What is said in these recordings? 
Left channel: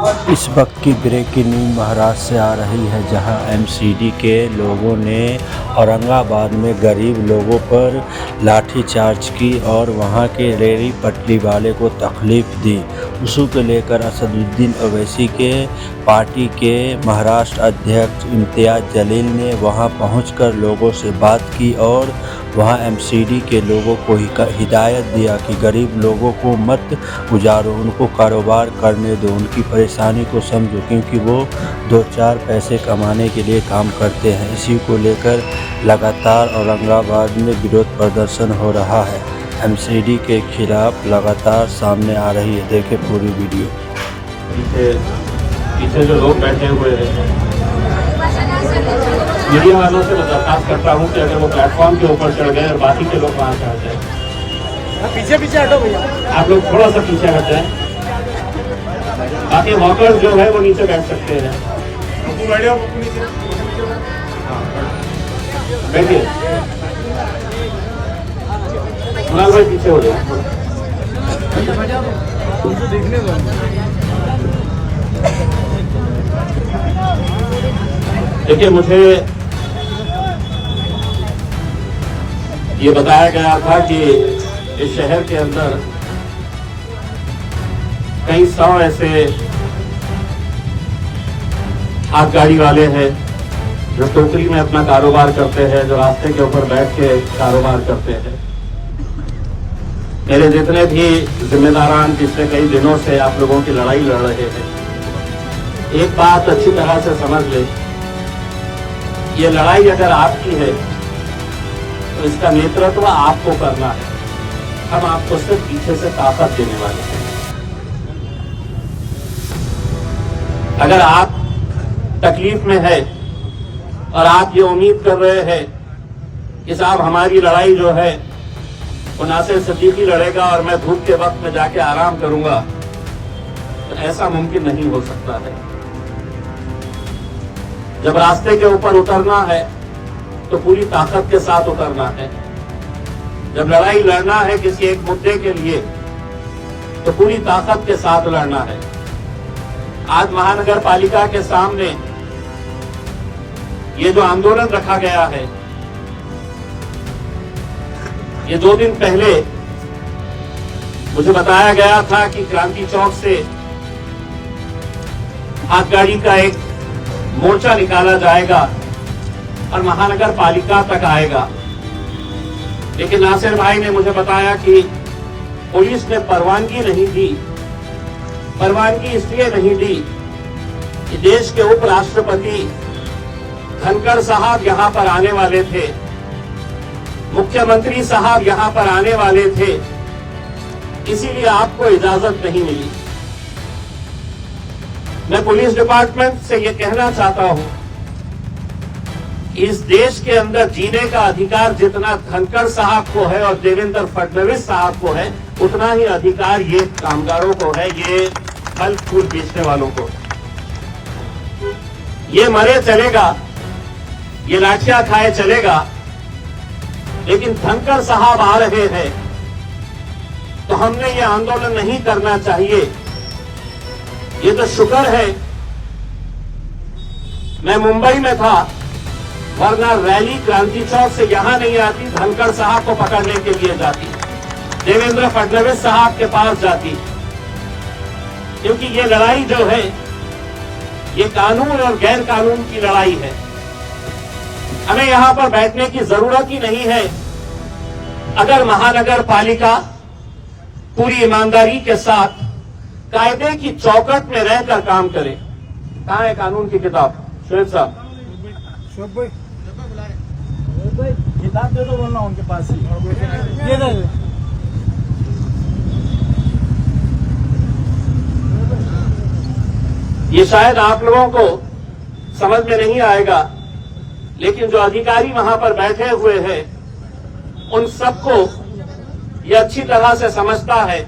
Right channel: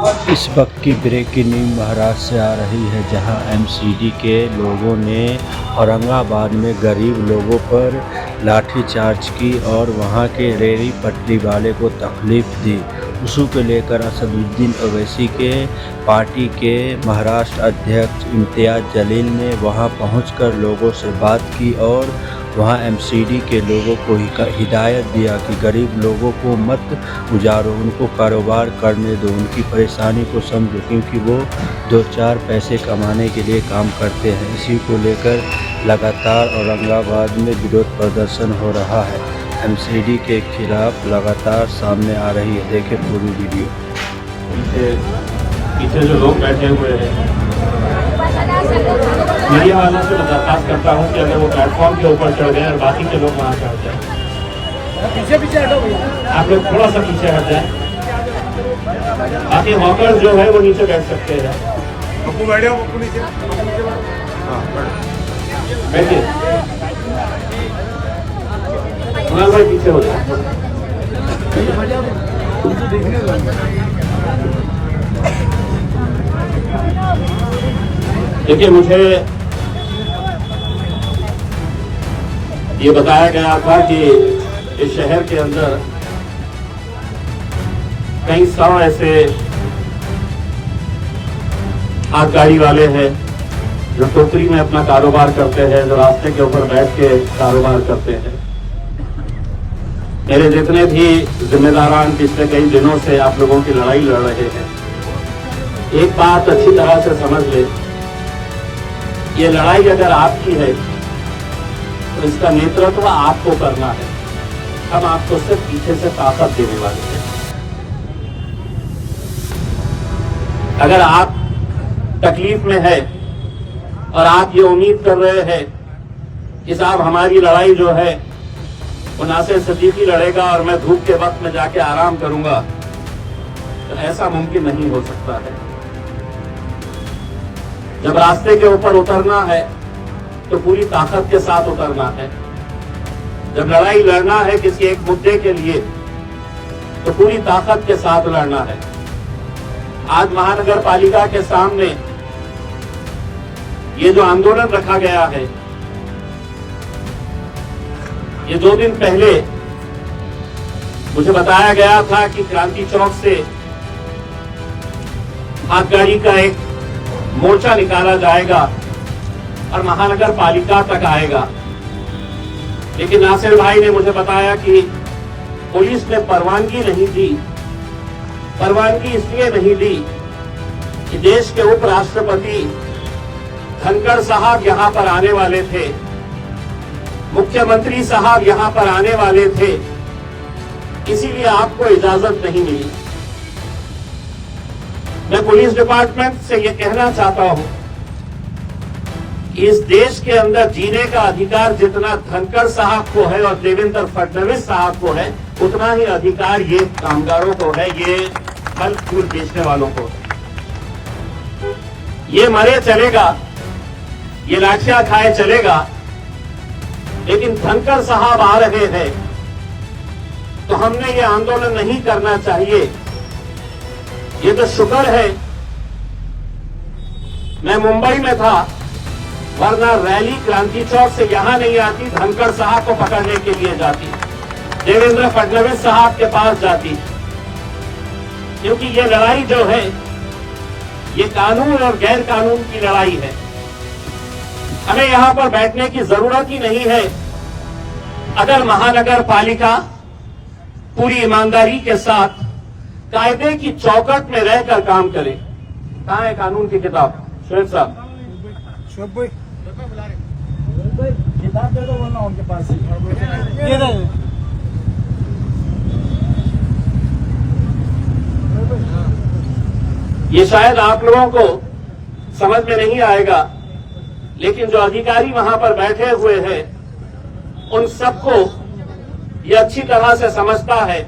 इस वक्त की ब्रेकिंग न्यूज महाराष्ट्र से आ रही है, जहां एमसीडी के लोगों ने औरंगाबाद में गरीब लोगों पर लाठीचार्ज की और वहां के रेहड़ी पटरी वाले को तकलीफ दी। उसी को लेकर असदुद्दीन ओवैसी के पार्टी के महाराष्ट्र अध्यक्ष इम्तियाज जलील ने वहां पहुंचकर लोगों से बात की और वहां एमसीडी के लोगों को हिदायत दिया कि गरीब लोगों को मत उजारो, उनको कारोबार करने दो, उनकी परेशानी को समझो, क्योंकि वो 2-4 पैसे कमाने के लिए काम करते हैं। इसी को लेकर लगातार औरंगाबाद में विरोध प्रदर्शन हो रहा है। एमसीडी के खिलाफ लगातार सामने आ रही है। देखें पूरी वीडियो। पीछे जो लोग बैठे हुए हैं, मीडिया वालों से मैं दरखास्त करता हूँ कि अगर वो प्लेटफॉर्म के ऊपर चढ़ गए और बाकी के लोग वहाँ चढ़ जाए। पीछे हटो भैया, आप लोग थोड़ा सा पीछे हट जाए, बाकी वॉकर्स जो है वो नीचे बैठ सकते हैं। पप्पू बैठे हो, पप्पू नीचे। हाँ बैठिए। कुणाल भाई पीछे हो जाए। देखिए, मुझे ये बताया गया था कि इस शहर के अंदर कई 100 ऐसे हाथ गाड़ी वाले हैं जो टोकरी में अपना कारोबार करते हैं, जो रास्ते के ऊपर बैठ के कारोबार करते हैं। मेरे जितने भी जिम्मेदारान पिछले कई दिनों से आप लोगों की लड़ाई लड़ रहे हैं, एक बात अच्छी तरह से समझ ले, ये लड़ाई अगर आपकी है तो इसका नेतृत्व आपको करना है। हम आपको सिर्फ पीछे से ताकत देने वाले हैं। अगर आप तकलीफ में है और आप ये उम्मीद कर रहे हैं कि साहब हमारी लड़ाई जो है वो नासिर सिद्दीकी लड़ेगा और मैं धूप के वक्त में जाके आराम करूंगा, तो ऐसा मुमकिन नहीं हो सकता है। जब रास्ते के ऊपर उतरना है तो पूरी ताकत के साथ उतरना है। जब लड़ाई लड़ना है किसी एक मुद्दे के लिए तो पूरी ताकत के साथ लड़ना है। आज महानगर पालिका के सामने ये जो आंदोलन रखा गया है, ये 2 दिन पहले मुझे बताया गया था कि क्रांति चौक से हाथ गाड़ी का एक मोर्चा निकाला जाएगा और महानगर पालिका तक आएगा। लेकिन नासिर भाई ने मुझे बताया कि पुलिस ने परवानगी नहीं दी। परवानगी इसलिए नहीं दी कि देश के उपराष्ट्रपति धनखड़ साहब यहां पर आने वाले थे, मुख्यमंत्री साहब यहां पर आने वाले थे, इसीलिए आपको इजाजत नहीं मिली। मैं पुलिस डिपार्टमेंट से यह कहना चाहता हूं, इस देश के अंदर जीने का अधिकार जितना धनखड़ साहब को है और देवेंद्र फडणवीस साहब को है, उतना ही अधिकार ये कामगारों को है, ये फल फूल बेचने वालों को। ये मरे चलेगा, ये लाठियां खाए चलेगा, लेकिन धनखड़ साहब आ रहे हैं तो हमने ये आंदोलन नहीं करना चाहिए। ये तो शुक्र है मैं मुंबई में था, वरना रैली क्रांति चौक से यहां नहीं आती, धनखड़ साहब को पकड़ने के लिए जाती, देवेंद्र फडणवीस साहब के पास जाती। क्योंकि ये लड़ाई जो है ये कानून और गैर कानून की लड़ाई है। हमें यहां पर बैठने की जरूरत ही नहीं है अगर महानगर पालिका पूरी ईमानदारी के साथ कायदे की चौकट में रहकर काम करे। कहां है कानून की किताब? शोएब साहब, किताब दे दो, बोलना उनके पास ही। ये शायद आप लोगों को समझ में नहीं आएगा, लेकिन जो अधिकारी वहां पर बैठे हुए हैं उन सबको ये अच्छी तरह से समझता है,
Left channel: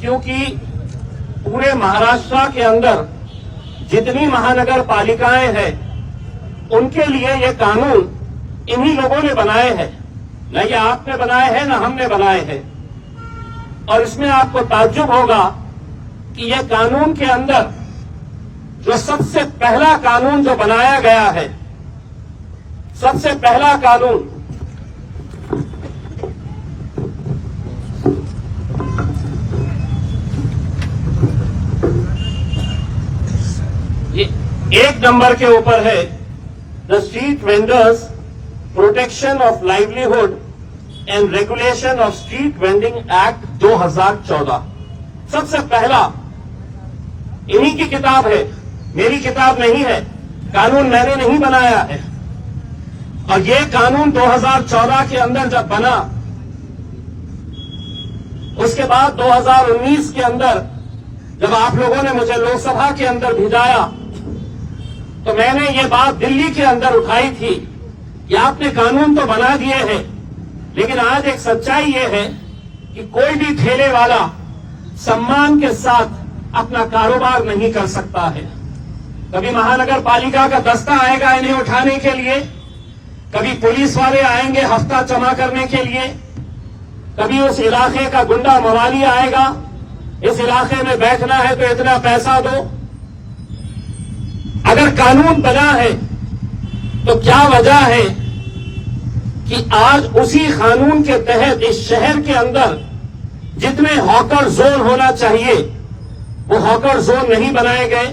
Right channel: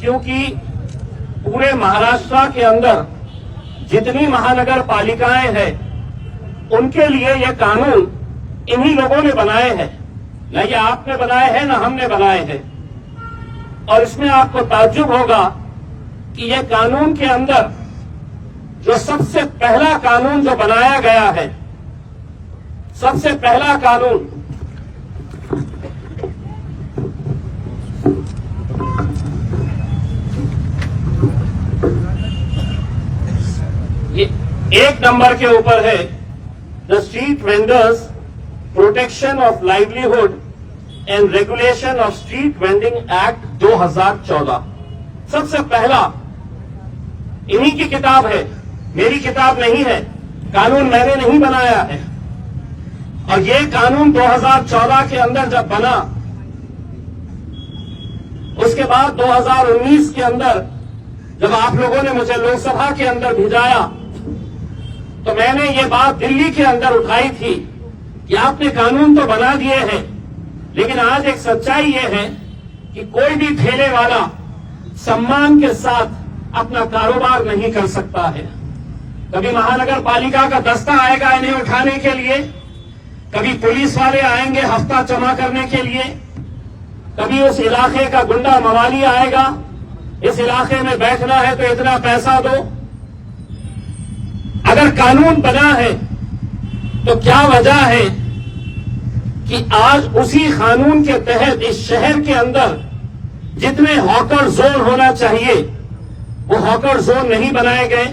क्योंकि पूरे महाराष्ट्र के अंदर जितनी महानगर पालिकाएं हैं उनके लिए ये कानून इन्हीं लोगों ने बनाए हैं। न ये आपने बनाए हैं न हमने बनाए हैं। और इसमें आपको ताज्जुब होगा कि ये कानून के अंदर जो सबसे पहला कानून जो बनाया गया है, सबसे पहला कानून ये 1 नंबर के ऊपर है, the street vendors protection of livelihood and regulation of street vending act 2014। सबसे पहला इन्हीं की किताब है, मेरी किताब नहीं है, कानून मैंने नहीं बनाया है। और ये कानून 2014 के अंदर जब बना, उसके बाद 2019 के अंदर जब आप लोगों ने मुझे लोकसभा के अंदर भिजाया, तो मैंने ये बात दिल्ली के अंदर उठाई थी कि आपने कानून तो बना दिए हैं, लेकिन आज एक सच्चाई ये है कि कोई भी ठेले वाला सम्मान के साथ अपना कारोबार नहीं कर सकता है। कभी महानगर पालिका का दस्ता आएगा इन्हें उठाने के लिए, कभी पुलिस वाले आएंगे हफ्ता जमा करने के लिए, कभी उस इलाके का गुंडा मवाली आएगा, इस इलाके में बैठना है तो इतना पैसा दो। अगर कानून बना है तो क्या वजह है कि आज उसी कानून के तहत इस शहर के अंदर जितने हॉकर जोन होना चाहिए वो हॉकर जोन नहीं बनाए गए।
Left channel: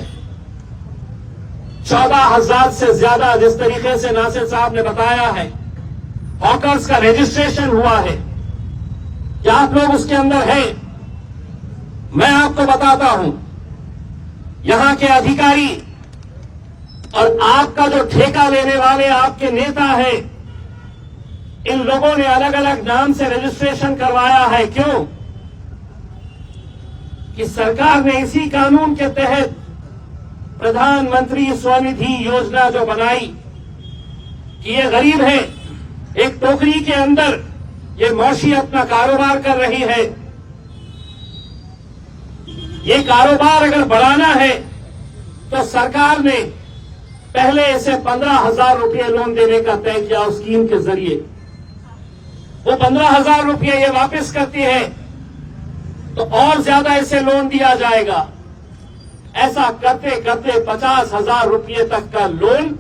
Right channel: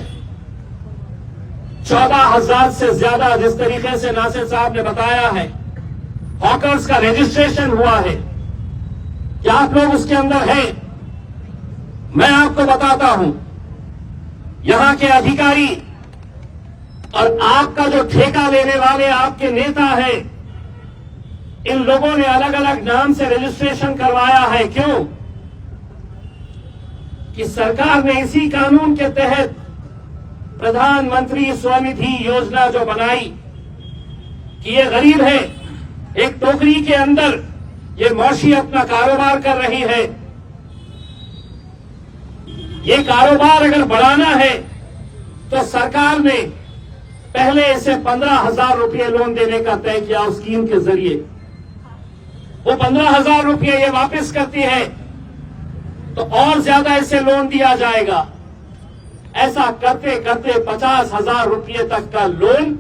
14,000 से ज्यादा, जिस तरीके से नासिर साहब ने बताया है, हॉकर्स का रजिस्ट्रेशन हुआ है। क्या आप लोग उसके अंदर हैं? मैं आपको बताता हूं, यहां के अधिकारी और आपका जो ठेका लेने वाले आपके नेता है, इन लोगों ने अलग अलग नाम से रजिस्ट्रेशन करवाया है। क्यों? कि सरकार ने इसी कानून के तहत प्रधानमंत्री स्वनिधि योजना जो बनाई कि ये गरीब है, एक टोकरी के अंदर ये मौशी अपना कारोबार कर रही है, ये कारोबार अगर बढ़ाना है तो सरकार ने पहले इसे 15,000 रुपये लोन देने का तय किया उस स्कीम के जरिए। वो 15,000 रुपये ये वापस करती है तो और ज्यादा इसे लोन दिया जाएगा। ऐसा करते करते 50,000 रुपये तक का लोन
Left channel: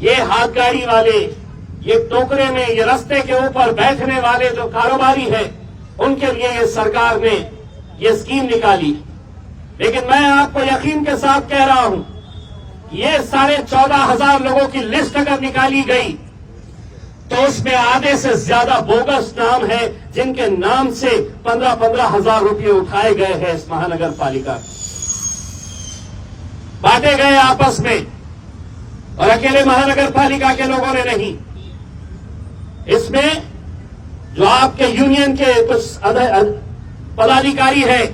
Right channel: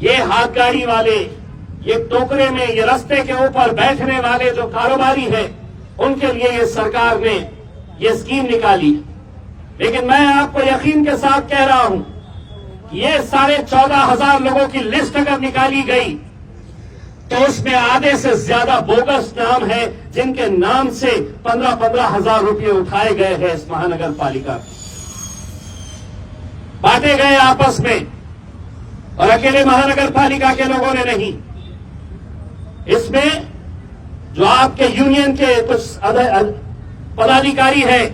ये हाथ गाड़ी वाले, ये टोकरे में, ये रास्ते के ऊपर बैठने वाले जो कारोबारी है, उनके लिए ये सरकार ने ये स्कीम निकाली। लेकिन मैं आपको यकीन के साथ कह रहा हूं कि ये 14,500 लोगों की लिस्ट अगर निकाली गई तो उसमें आधे से ज्यादा बोगस नाम है जिनके नाम से 15,000 रुपये उठाए गए हैं इस महानगर पालिका, बांटे गए आपस में, और अकेले महानगर पालिका के लोगों ने नहीं। इसमें जो आपके यूनियन के कुछ पदाधिकारी है,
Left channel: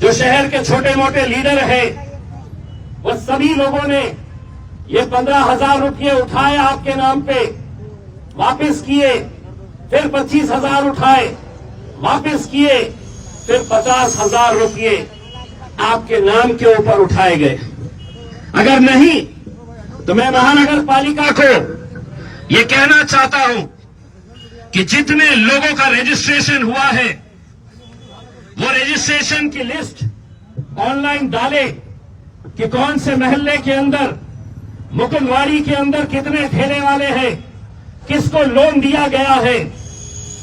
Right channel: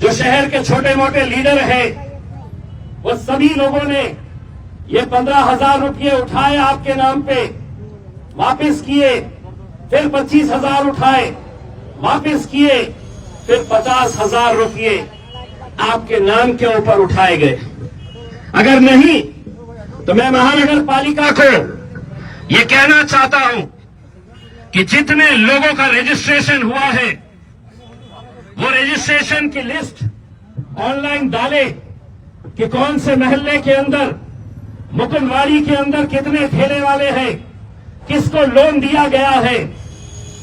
जो शहर के छोटे मोटे लीडर हैं, वो सभी लोगों ने ये 15,000 रुपये उठाए आपके नाम पे, वापस किए, फिर 25,000 उठाए, वापस किए, फिर 50,000 रुपये आपके नाम के ऊपर उठाए गए। अगर नहीं तो मैं महानगर पालिका को ये कहना चाहता हूं कि जितने लोगों का रजिस्ट्रेशन हुआ है वो रजिस्ट्रेशन की लिस्ट ऑनलाइन डाले कि कौन से महल्ले के अंदर, मुकुंदवाड़ी के अंदर कितने ठेले वाले हैं, किसको लोन दिया गया है,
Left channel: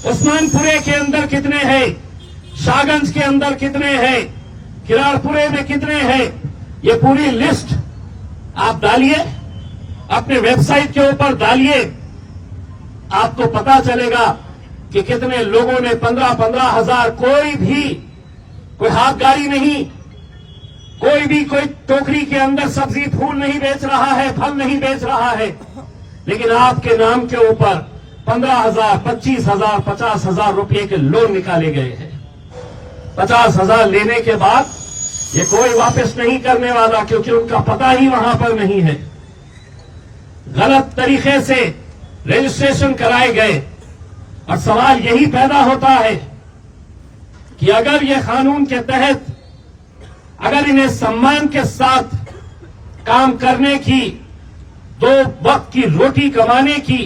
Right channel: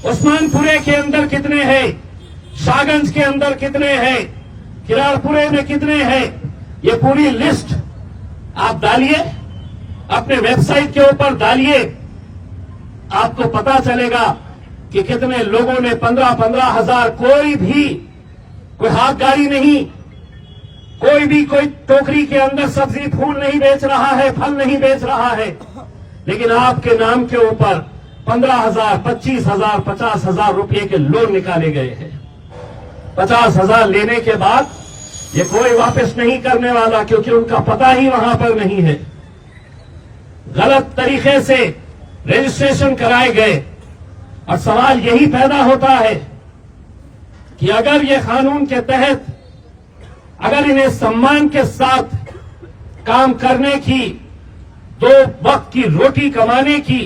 उस्मानपुरे के अंदर कितने हैं, शाहगंज के अंदर कितने हैं, किरारपुरे में कितने हैं, ये पूरी लिस्ट आप डालिए, अपने वेबसाइट के ऊपर डालिए, आपको पता चलेगा कि कितने लोगों ने 15,000, कोई हाथ गाड़ी नहीं, कोई टोकरी के अंदर सब्जी फूल नहीं बेच रहा है, फल नहीं बेच रहा है, लेकिन आपके नाम के ऊपर 15,000, 25,000, 50,000 रुपये के लोन निकाले गए हैं। 50,000 लेने के बाद ये कोई वापस नहीं करने वाला, क्योंकि उनका पता ही वहां पर नहीं है। गलत तरीके से रजिस्ट्रेशन कराए गए, और सवाल यही पैदा होता है कि अगर ये कानून के तहत, अगर इन्हें सम्मान के साथ काम करने की, 2 वक्त की रोटी कमाने की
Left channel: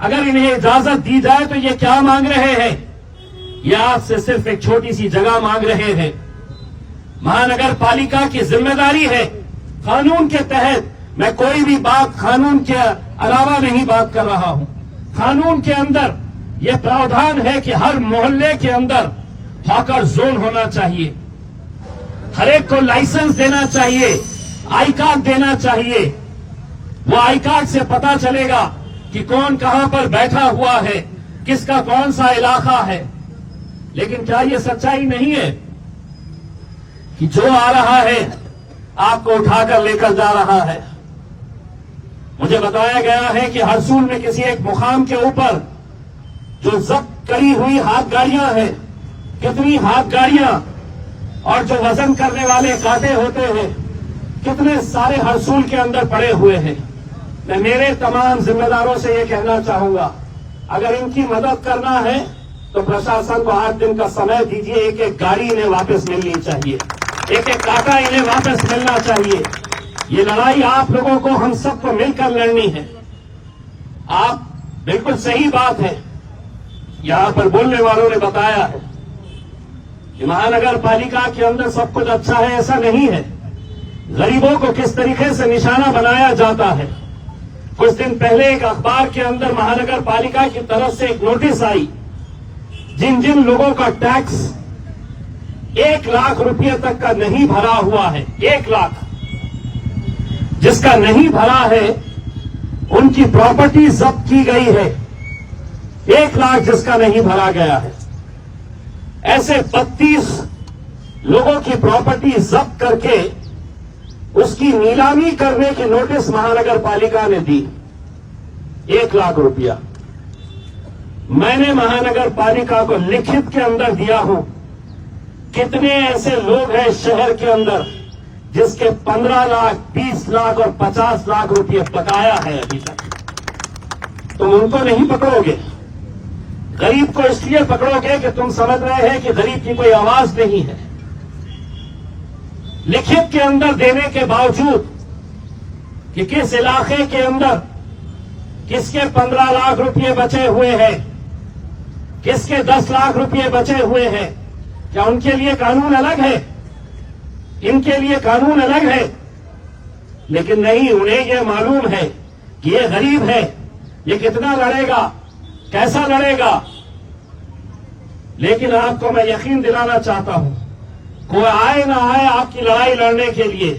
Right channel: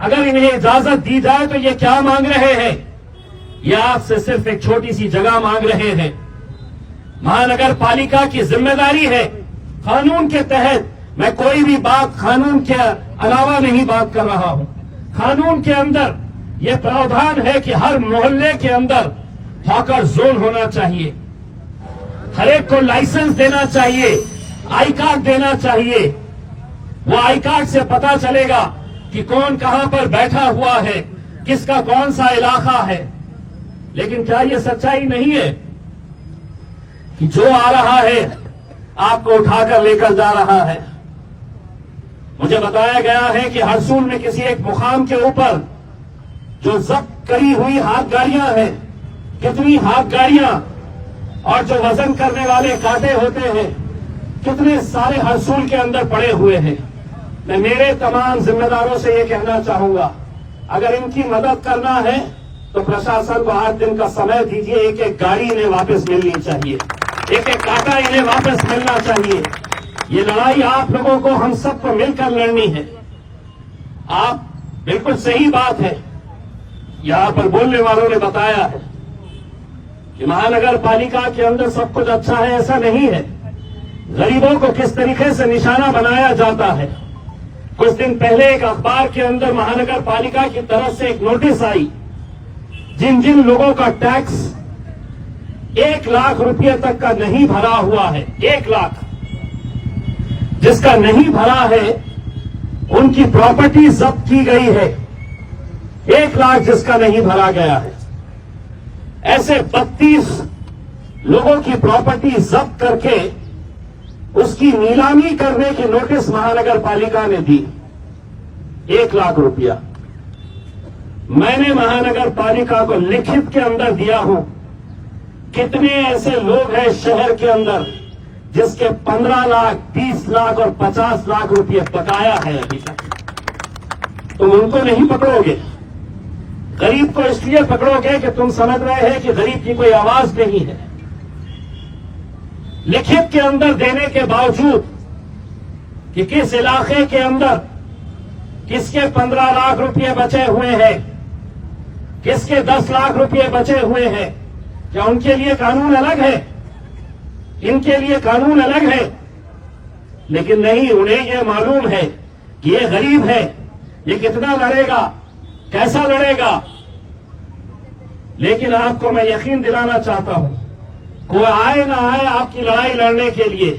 अगर इन्हें इजाजत दी जाए तो ये क्या मांग रहे हैं? ये आपसे सिर्फ एक छोटी सी जगह मांग रहे हैं। महानगर पालिका की जिम्मेदारी है। कानून के तहत मैं कोई भी बात कानून के अलावा नहीं बात कर रहा हूं। कानून के अंदर यह प्रावधान है कि हर मोहल्ले के अंदर हॉकर जोन होना चाहिए, हर एक को लाइसेंस देना चाहिए, आई कार्ड देना चाहिए। वो आई कार्ड से पता चलेगा कि कौन कहां पर बैठा हुआ है, किसका कौन सा इलाका है। लेकिन क्या ये सच्चाई नहीं है कि जो आ रहा है आपको उठाकर लेकर जा रहा है? मुझे बताया गया है कि हरसूल में किसी एक मुकाम के ऊपर जो जब्त करी हुई हाथ गाड़ियां हैं, कितनी हाथ गाड़ियां और जो वजन करने वाले कांटे होते हैं, कितने सारे हरसूल के अंदर पड़े हुए हैं। मैं मेरे तमाम जिम्मेदारों से ये कहना चाहूंगा, अगर इनकी मदद करना है तो प्रशासन को 8 दिन का समय दीजिए। एक एक गाड़ी इन्हें वापस मिलनी चाहिए, एक एक कांटा इन्हें वापस मिलना चाहिए। ये लड़ाई आप लोगों को, हम सबको मिलकर लड़नी है। आप बिल्कुल सही बात है, यहां पर बोलने वालों ने बताया है कि महानगर पालिका के अंदर सब कुछ अच्छा है, ऐसा नहीं है। गरीबों को किस तरीके से निशाना बनाया जाता है। कुछ दिन पहले एक अखबार के अंदर महानगर पालिका की तरफ से एक नोटिस आई, जिन जिन लोगों का टैक्स 1 लाख रुपए तक का नहीं भरा हुआ है, 1 लाख जिसका नहीं भरा है, उनकी प्रॉपर्टी जब्त की गई है। 1 लाख जिसका नहीं भरा गया है, ऐसे 32 लोगों की प्रॉपर्टी जब्त करके उसकी नीलामी करने की नोटिस महानगर पालिका ने दी। 1 लाख रुपया मैंने महानगर पालिका को लिखित के अंदर दिया हूं। कितने ऐसे लोग हैं शहर के अंदर जिसके 15 लाख, 20 लाख और 50 लाख रुपये बकाया है अभी तक? तुम उनको नहीं पकड़ोगे। गरीब को इसलिए पकड़ोगे कि तुम समझ रहे हैं कि गरीब की कोई आवाज नहीं है। लिखित के अंदर देने के बावजूद कि किस इलाके के अंदर किसके 15 लाख रुपए बचे हुए हैं, किसके 10 लाख रुपए बचे हुए हैं, क्या उनके लिए कानून अलग है? इनके लिए कानून अलग है। लेकिन नहीं, उन्हें यह मालूम है कि ये गरीब है, ये कितना लड़ेगा, कैसा लड़ेगा। लेकिन आपको मैं यकीन दिलाना चाहता हूं, कोई आए ना आए आपकी लड़ाई लड़ने के लिए,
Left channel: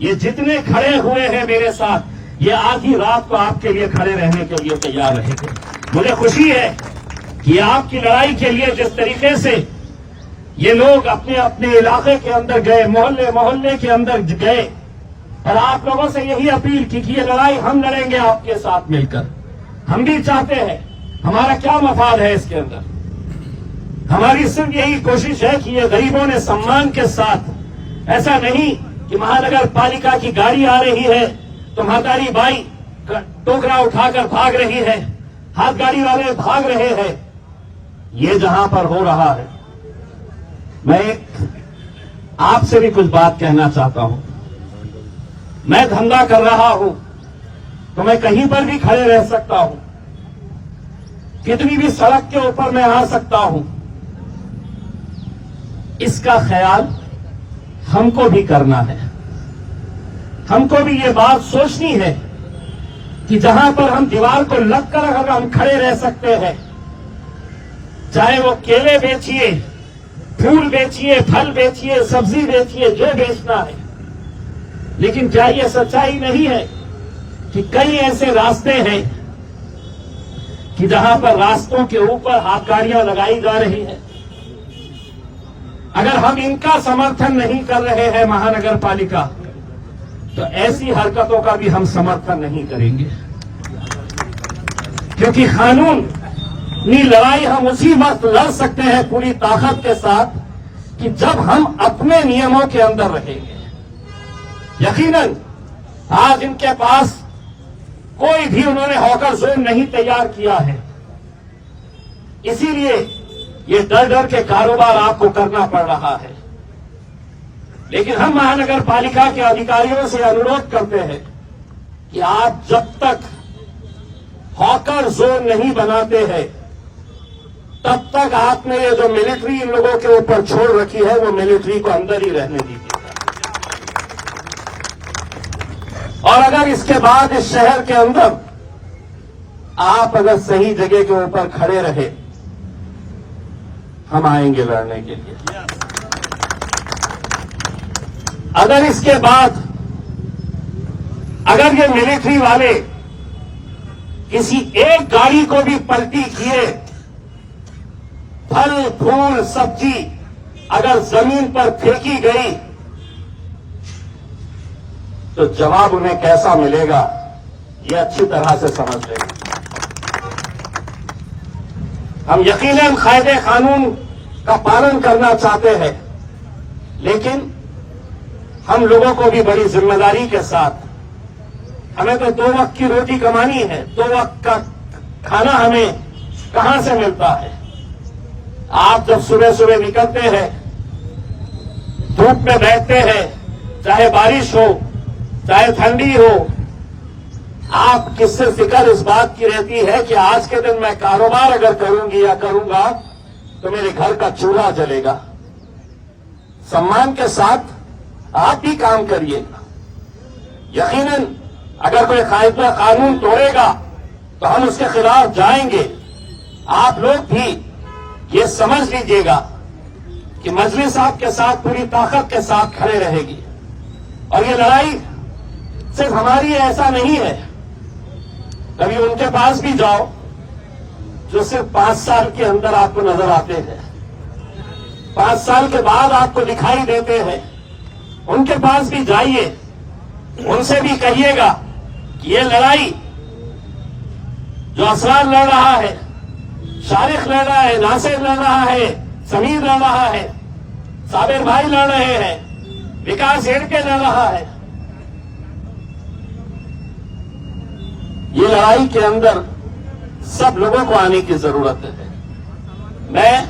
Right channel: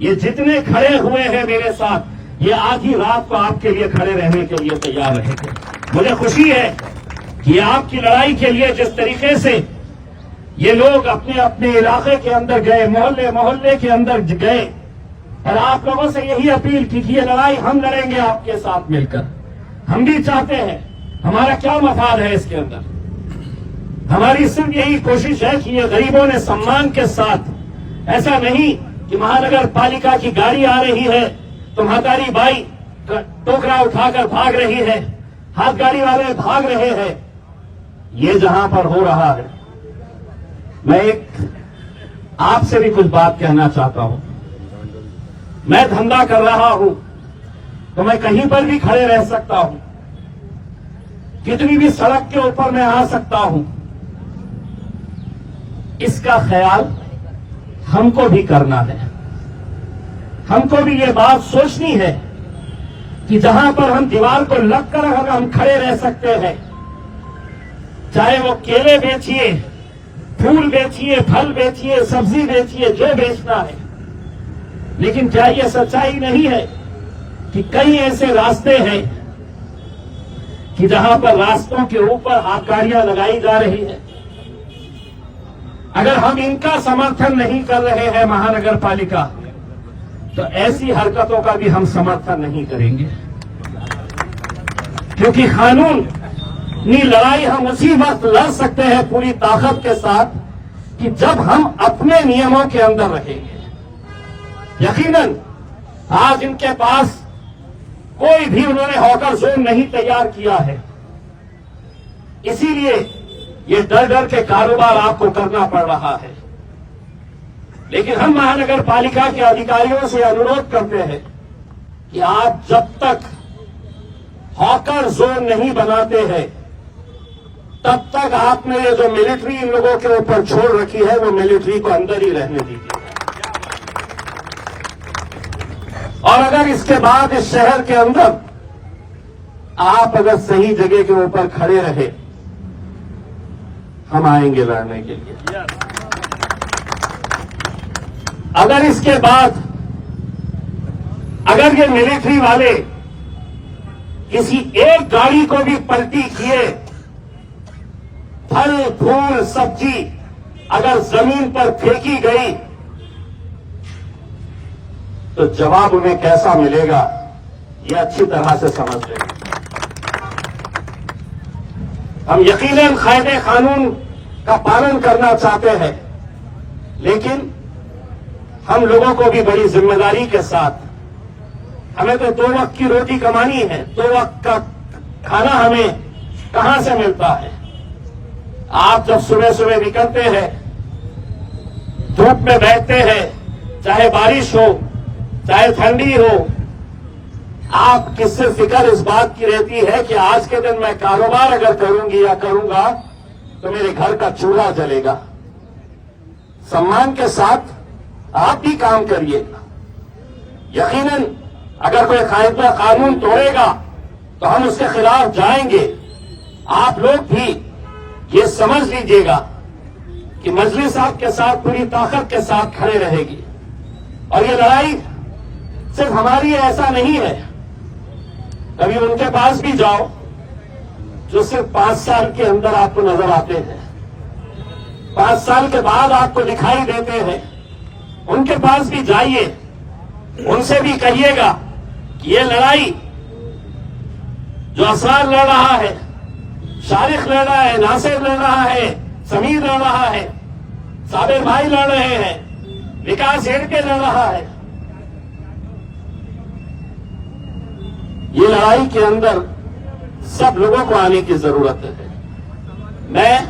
ये जितने खड़े हुए हैं मेरे साथ, ये आधी रात को आपके लिए खड़े रहने के लिए तैयार रहेंगे। मुझे खुशी है कि आपकी लड़ाई के लिए जिस तरीके से ये लोग अपने अपने इलाके के अंदर गए, मोहल्ले मोहल्ले के अंदर गए, और आप लोगों से यही अपील की कि ये लड़ाई हम लड़ेंगे आपके साथ मिलकर। हम भी चाहते हैं, हमारा क्या मफाद है इसके अंदर? हमारी सिर्फ यही कोशिश है कि ये गरीबों ने सम्मान के साथ, ऐसा नहीं कि महानगर पालिका की गाड़ी आ रही है तो महतारी बाई टोकरा उठाकर भाग रही है, हाथ गाड़ी वाले भाग रहे हैं। ये जहां पर हो रहा है, मैं एक आपसे भी कुछ बात कहना चाहता हूं। मैं धंधा कर रहा हूं तो मैं कहीं पर भी खड़े रह सकता हूं, कितनी भी सड़क के ऊपर मैं आ सकता हूं। इसका ख्याल हमको भी करना है। हमको भी ये बात सोचनी है कि जहां पर हम दीवार को लगकर अगर हम खड़े रह सकते हैं, चाहे वो केले बेचिए, फूल बेचिए, फल बेचिए, सब्जी बेचिए, जो बेचना है। लेकिन क्या ये सच्चाई नहीं है कि कई ऐसे रास्ते हैं कि जहां पर रास्तों के ऊपर हाथगाड़ियां लगाई जा रही है? अगर हम इनका समर्थन नहीं कर रहे हैं महानगर पालिका, तो ऐसी हरकतों का भी हम समर्थन नहीं करेंगे। क्योंकि कानूनी लड़ाई हम उसी वक्त लड़ सकते हैं पूरी ताकत के साथ कि जब हम अपने नियमों के अंदर रहेंगे। यकीनन आज इनके पास कोई भी उन्होंने हॉकर जोन नहीं तैयार किया है, इसीलिए ये डर डर के कारोबार आपको करना पड़ रहा है। लेकिन हम महानगर पालिका के अधिकारियों से अनुरोध करते हैं कि आप जब तक हॉकर जोन नहीं बनाते हैं, तब तक आपने ये जो मिलिट्री इन लोगों के ऊपर छोड़ रखी है, वो मिलिट्री को अंदर ही रहने दीजिए। और अगर इसके बाद इस शहर के अंदर आप अगर सही जगह के ऊपर खड़े रहे, हम आएंगे लड़ने के लिए। अगर इसके बाद अगर ये मिलिट्री वाले किसी एक गाड़ी को भी पलटी किए, फल फूल सब्जी अगर जमीन पर फेंकी गई, तो जवाब उन्हें कैसा मिलेगा ये अच्छी तरह से समझ लेंगे। हम यकीनन कायदे कानून का पालन करना चाहते हैं, लेकिन हम लोगों को भी बड़ी जिम्मेदारी के साथ, हमें तो 2 वक्त की रोटी कमानी है, 2 वक्त का खाना हमें कहां से मिलता है। आप जब सुबह सुबह निकलते हैं, धूप में बैठते हैं, चाहे बारिश हो चाहे ठंडी हो, आप किससे फिक्र इस बात की रहती है कि आज के दिन मैं कारोबार अगर करूंगी या करूंगा तो मेरे घर का चूल्हा जलेगा। सम्मान के साथ आप भी काम करिएगा। यकीनन अगर कोई कायदा कानून तोड़ेगा तो हम उसके खिलाफ जाएंगे। आप लोग भी ये समझ लीजिएगा कि मजलिस आपके साथ पूरी ताकत के साथ खड़े रहेगी। और ये लड़ाई सिर्फ हमारी ऐसा नहीं है। कभी उनके पास भी जाओ जो सिर्फ 5 साल के अंदर आपको नजर आते हैं, 5 साल के बाद आपको दिखाई देते हैं, उनके पास भी जाइए, उनसे भी कहिएगा कि ये लड़ाई जो असरार लड़ रहा है, शारिक लड़ रहा है, नासिर लड़ रहा है, समीर लड़ रहा है, साबिर भाई लड़ रहे हैं, विकास हेड़के लड़ रहा है, ये लड़ाई के अंदर सब लोगों को आने की जरूरत है। मैं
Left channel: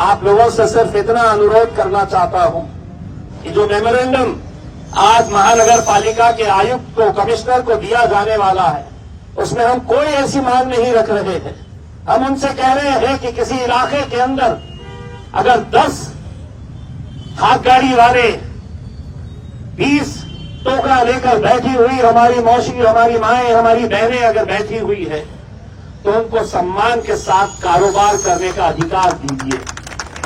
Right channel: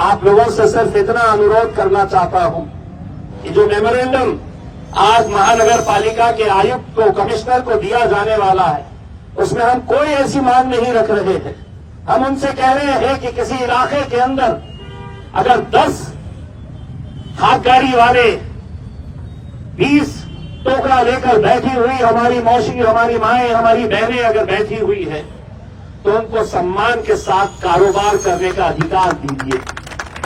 आप लोगों से सिर्फ इतना अनुरोध करना चाहता हूं कि जो मेमोरेंडम आज महानगर पालिका के आयुक्त को, कमिश्नर को दिया जाने वाला है, उसमें हम कोई ऐसी मांग नहीं रख रहे हैं। हम उनसे कह रहे हैं कि किसी इलाके के अंदर अगर 10 हाथ गाड़ी वाले 20 टोकरा लेकर बैठी हुई हमारी मौसी, हमारी माएं, हमारी बहनें अगर बैठी हुई है, तो उनको सम्मान के साथ कारोबार करने का अधिकार दीजिए।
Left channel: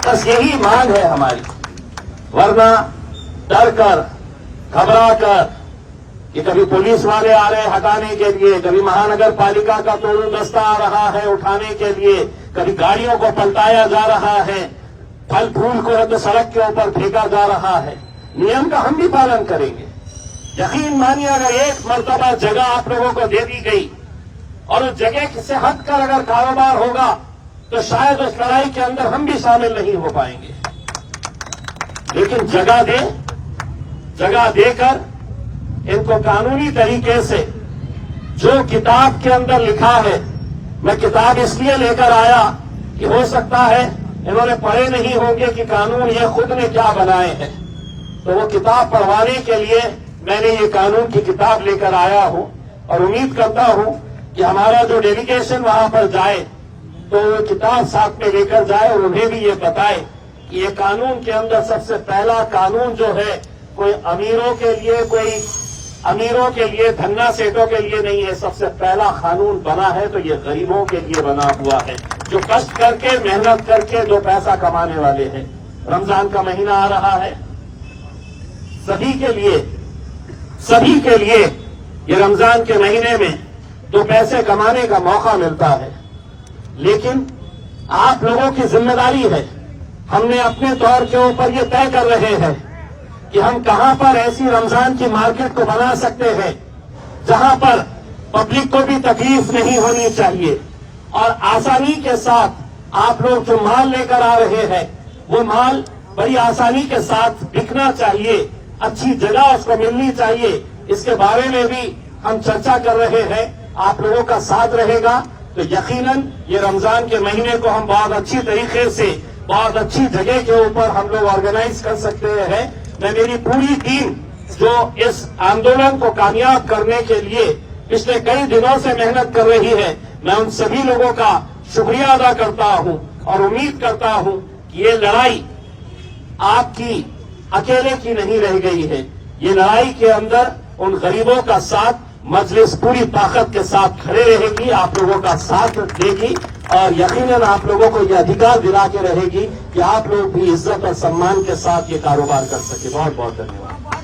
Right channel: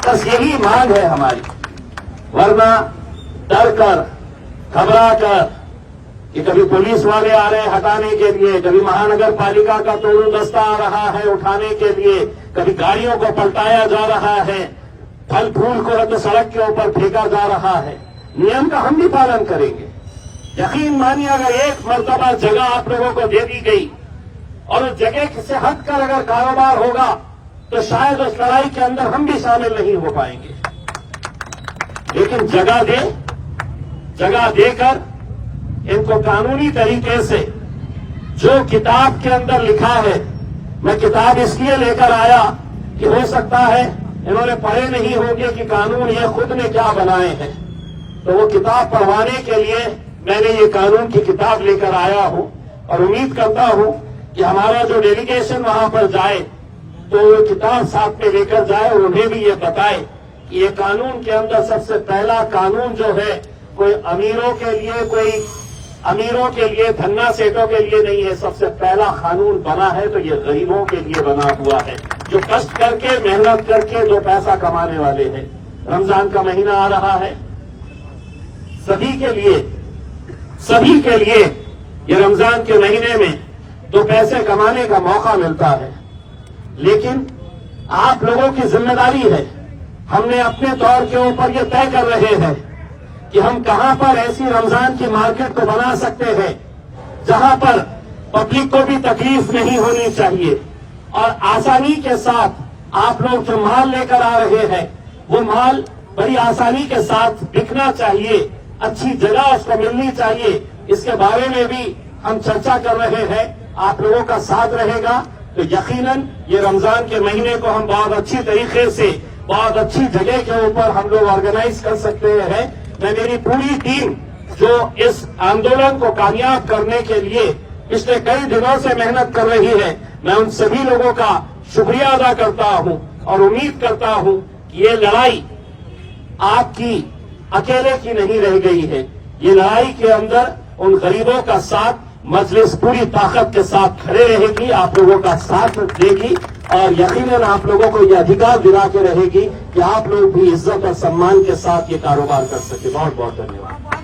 बस यही मांग है हमारी। वरना डर कर, घबरा कर कि कभी पुलिस वाले आ रहे हैं हटाने के लिए, कभी महानगर पालिका का तोड़ू दस्ता आ रहा है उठाने के लिए, कभी गाड़ियों को पलटाया जा रहा है, फल फूल को तो सड़क के ऊपर फेंका जा रहा है। नियम का हम भी पालन करेंगे। यकीन मानिए, अगर एक मर्तबा जगह आप लोगों को दे दी गई और उस जगह से हटकर अगर कारोबार होगा तो शायद उस लड़ाई के अंदर हम भी शामिल नहीं हो पाएंगे। लेकिन जगह देकर इनको कानूनी तरीके से जो किताब के अंदर लिखा है, मैं किताब इसलिए लेकर आया कि हो सकता है इन्होंने पढ़े नहीं होंगे कि कानून ये खुद ने क्या बनाए हैं, तो वो किताब पढ़वाने के लिए मैंने ये कानून की किताब लेकर आया हूं। और उम्मीद करता हूं कि हमारा जो डेलीगेशन वहां पर जाए तो वो किताब साथ में लेकर जाए और उन्हें भी ये बताए कि ये कानून के अंदर सबसे पहला कानून जो है कोई अमीरों के लिए धन्ना सेठों के लिए नहीं है। सबसे पहला कानून बना है तो ये गरीबों के लिए बना हुआ है, जो कष्ट करके मेहनत करके 2 पैसा कमाने वाले हैं। रमजान का महीना आ रहा है, सभी के लिए ये रमजान के महीने में 2 पैसे कमाने का मौका मिलता है। लेकिन आप लोगों की जिम्मेदारी है, हमने अपने तौर के ऊपर ये तय कर रहे हैं कि हम कहां पर ऐसी रमजान की मार्केट को बना सकते हैं जहां पर पब्लिक को भी तकलीफ नहीं होनी चाहिए और आसानी के साथ आप लोग जो माल लेकर आ रहे हैं वो माल बड़ी आसानी के साथ बिकना चाहिए, अच्छी जगह उसको मिलनी चाहिए। इसके बारे में भी हम चर्चा कर रहे हैं। आप लोगों का साथ रहेगा तो यकीनन ये रमजान के महीने को हम बहुत अच्छी तरीके से, बहुत अच्छी जगह के ऊपर हम लोग ऑर्गेनाइज कर सकते हैं। मैं मेरी पूरी टीम जो इस आंदोलन को कामयाब करने के लिए पिछले कई दिनों से मेहनत कर रही है, मैं उन सभी लोगों का शुक्रिया अदा करता हूं और उम्मीद करता हूं कि ये लड़ाई आपकी अकेले की नहीं रह गई है। ये लड़ाई के अंदर उन गरीबों का साथ मजलिस पूरी ताकत के साथ खड़े रहेगी, आप लोगों का साथ देगी और यकीनन आप लोगों को यह अधिकार दिला के रहेगी कि आप लोग भी इज्जत और सम्मान के साथ ये कारोबार कर सके। बहुत बहुत धन्यवाद।